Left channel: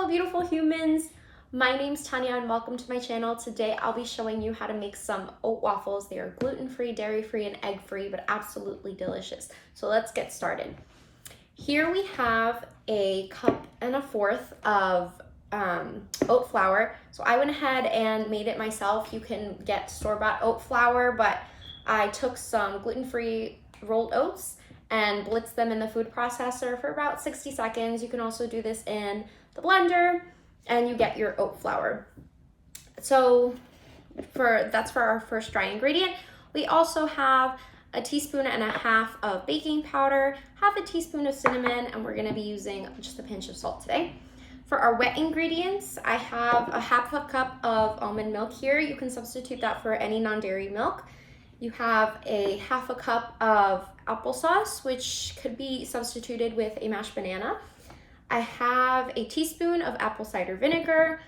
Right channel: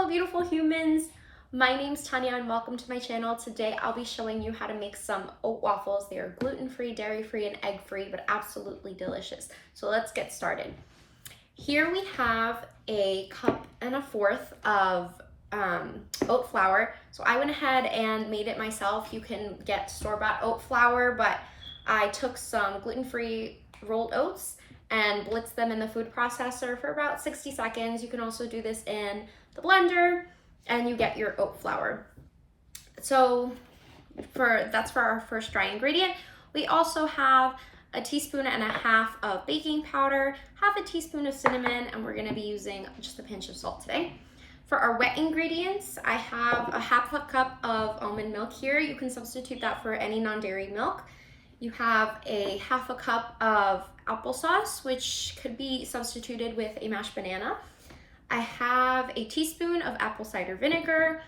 Hello beautiful humans, my name's Tanya and welcome to my channel. Today I'll be showing you how to make some oat waffles. They are gluten-free, dairy-free, and egg-free, but absolutely delicious. So let's get started. Here we have a cup and a fourth of oat flour. So I went ahead and made it myself. You can get store-bought oat flour, but I took some gluten-free rolled oats and blitzed them in the food processor for about 60 seconds. You can also do this in the blender and you get your oat flour. So that's for our first dry ingredient. We also have a teaspoon and a half of baking powder, half a teaspoon of cinnamon, and we're gonna be using just a pinch of salt today. For our wet ingredients, I have a half a cup of almond milk here. You can substitute that for any non-dairy milk. You have a half a cup of applesauce, which could be substituted with a mashed banana. I have a teaspoon of apple cider vinegar,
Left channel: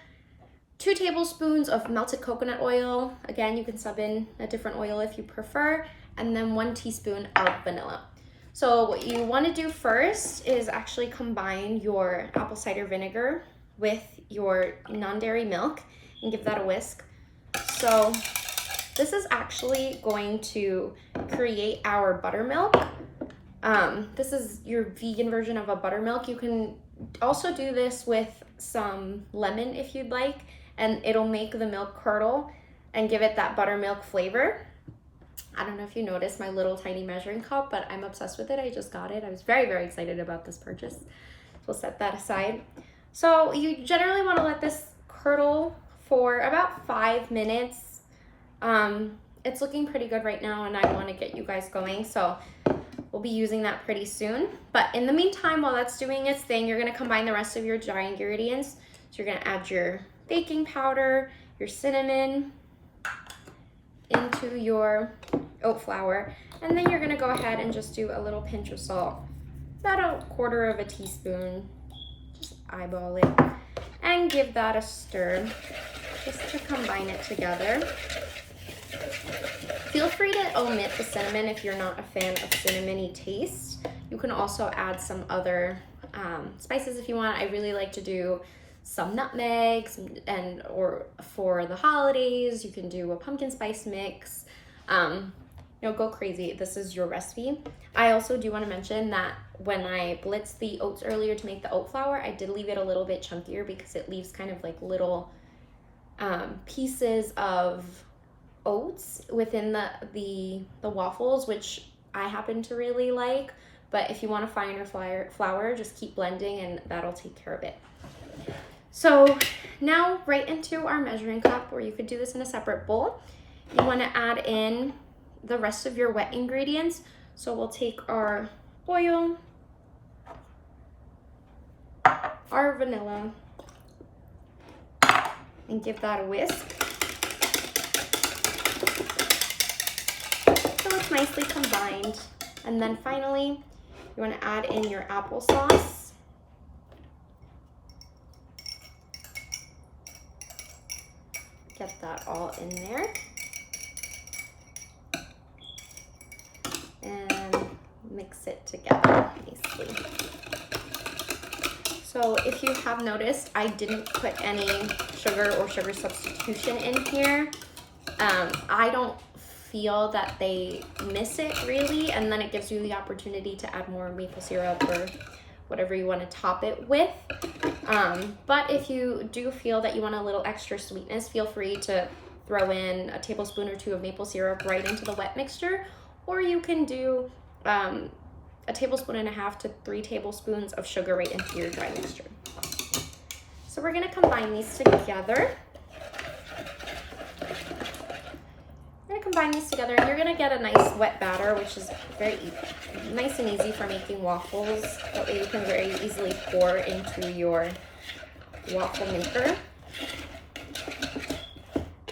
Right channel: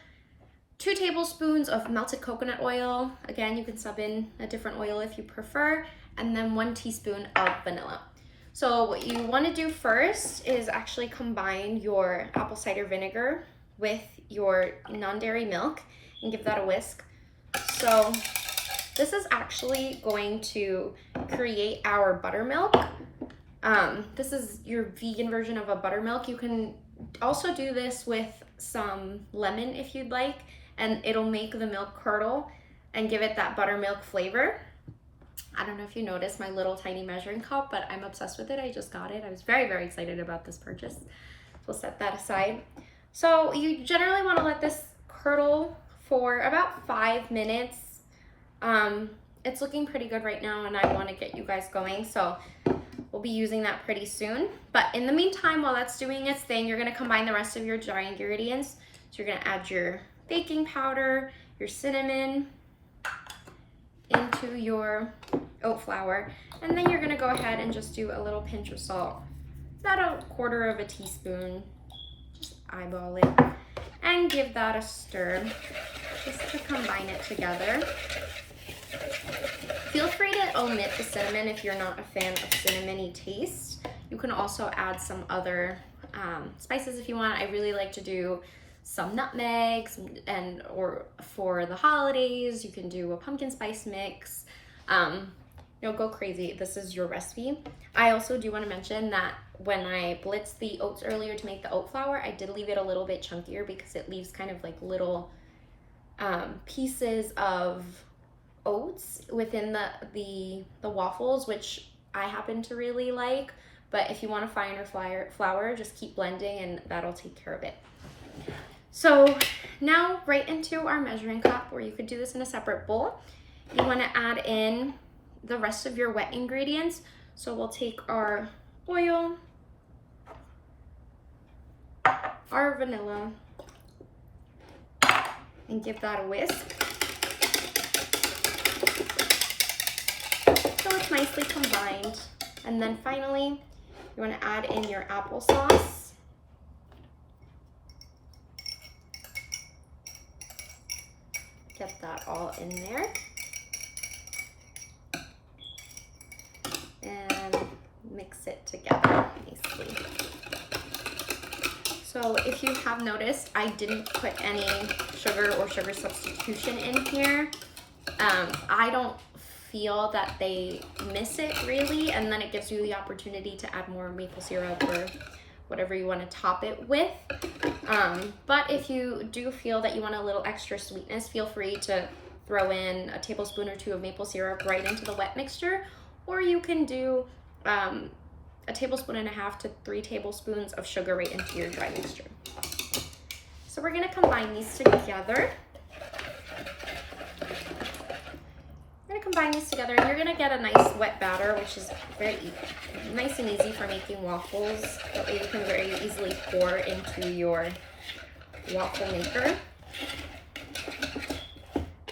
2 tablespoons of melted coconut oil. Again, you can sub in a different oil if you prefer, and then 1 teaspoon of vanilla. So what you want to do first is actually combine your apple cider vinegar with your non-dairy milk and give that a whisk. So this is actually going to create our buttermilk. This is your vegan version of a buttermilk. You can also do this with some lemon if you'd like, and it'll make the milk curdle and give it that buttermilk flavor. I don't know if you noticed my little tiny measuring cup, but I'm obsessed with it. I just got it. I was very, very excited about this purchase. So we'll set that aside. So you generally want to let this curdle for about 5 minutes. It's looking pretty good right now and I want to get you guys going, so we'll be using that pretty soon. But in the meantime, while that's doing its thing, you're going to combine the rest of your dry ingredients. So you're going to add your baking powder, your cinnamon into your oat flour, and then you're going to go ahead and just do a little pinch of salt, about a 1/4 of a teaspoon. Just eyeball it and give that a stir just to combine it together. Feel free to omit the cinnamon if you're not a fan of cinnamony taste. You can also add some other spices if you want. I really like to do some nutmegs, or for the holidays, you can do a pumpkin spice mix. Go crazy. This is your recipe. I also do want to mention that when I blitzed the oats earlier to make the oat flour, I did leave it a little bit chunkier because it leaves kind of like little pieces of oats within the waffles, which I happen to really like. But if you want a finer flour, just keep blending and that'll take care of it. So now right into our measuring cup, or you could do this in a separate bowl. You want to add in the rest of your wet ingredients. So we'll take our oil, our vanilla, and give that a whisk. So it's nicely combined. And then finally, you want to add in your applesauce. Get that all in there. And mix it together nicely. So if you have noticed, I didn't put any sugar or sugar substitution in here. I don't feel that they miss it really, and then it gives you the opportunity to add more maple syrup or whatever you want to top it with. But if you do feel that you want a little extra sweetness, feel free to throw in a tablespoon or 2 of maple syrup right into the wet mixture, or you can do a 1.5 tablespoons to 3 tablespoons of sugar right into your dry mixture. So we're going to combine these together. And you're gonna get a nice wet batter, which is very nice and easy for making waffles. That way you can very easily pour into your waffle maker.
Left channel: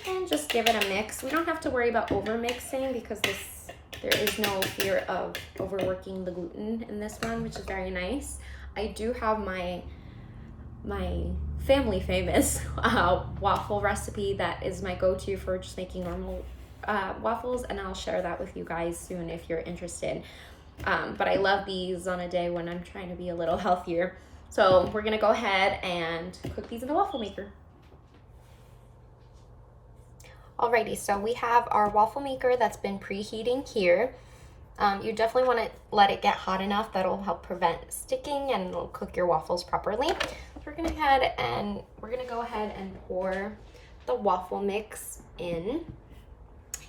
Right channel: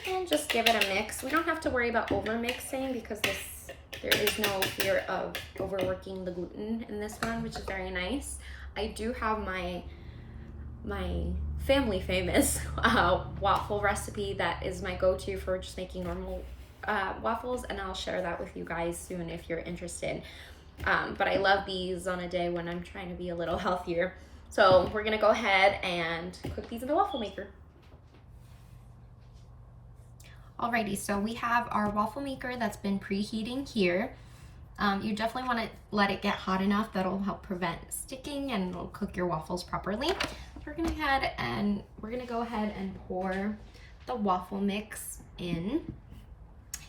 And just give it a mix. We don't have to worry about over mixing because there is no fear of overworking the gluten in this one, which is very nice. I do have my family famous waffle recipe that is my go-to for just making normal waffles, and I'll share that with you guys soon if you're interested. But I love these on a day when I'm trying to be a little healthier. So we're gonna go ahead and cook these in the waffle maker. Alrighty, so we have our waffle maker that's been preheating here. You definitely want to let it get hot enough that'll help prevent sticking and it'll cook your waffles properly. So we're gonna go ahead and pour the waffle mix in.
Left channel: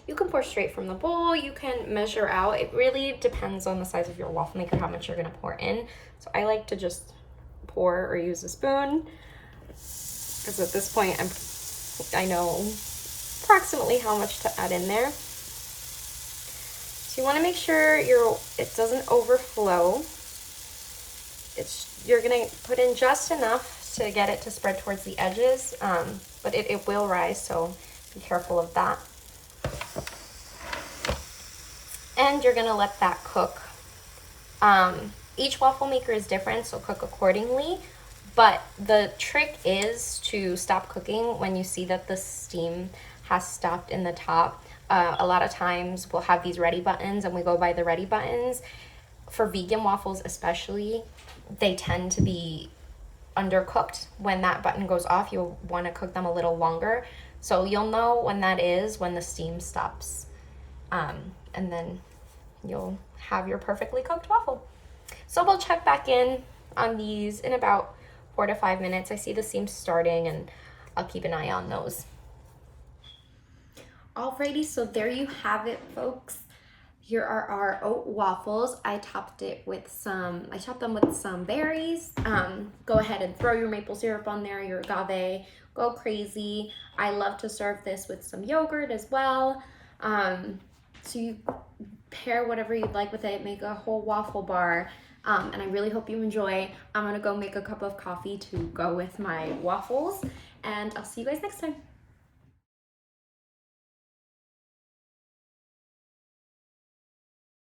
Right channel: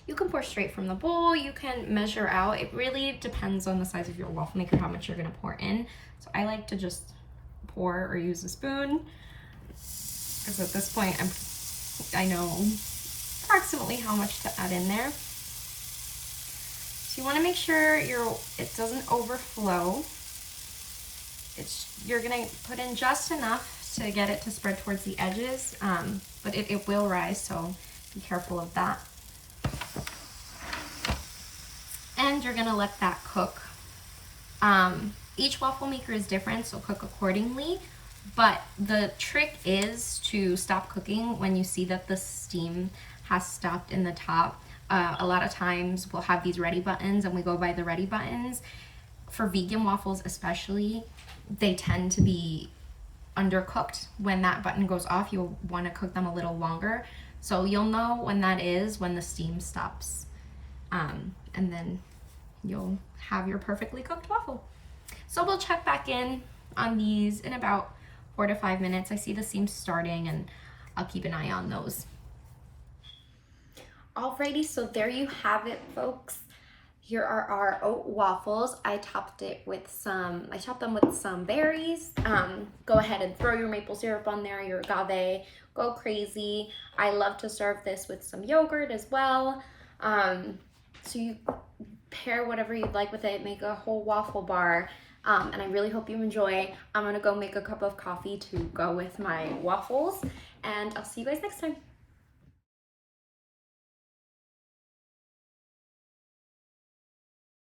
You can pour straight from the bowl, you can measure out. It really depends on the size of your waffle maker, how much you're gonna pour in. So I like to just pour or use a spoon, because at this point I know approximately how much to add in there. So you want to make sure it doesn't overflow. You're gonna put in just enough to get it to spread towards the edges, but it will rise, so be careful of that. And you're gonna let that cook. Each waffle maker is different, so cook accordingly. But the trick is to stop cooking when you see that the steam has stopped in the top. A lot of times we'll have these ready buttons and we go by the ready buttons. For vegan waffles especially, they tend to be undercooked. When that button goes off, you'll want to cook them a little longer. So you'll know when that is, when the steam stops. And then you'll have your perfectly cooked waffle. So we'll check back in on these in about 4 to 5 minutes. I see the seams starting and I'll keep an eye on those. Alrighty, so there you have it, folks. Here are our oat waffles. I chopped them with some berries. Go ahead and throw your maple syrup on there, your agave, go crazy. I love to serve this with some yogurt as well. So you pair whatever you'd like with it, make a whole waffle bar. And I really hope you enjoy. I'm gonna go make a cup of coffee to go with my waffles, and I'll see you guys next time.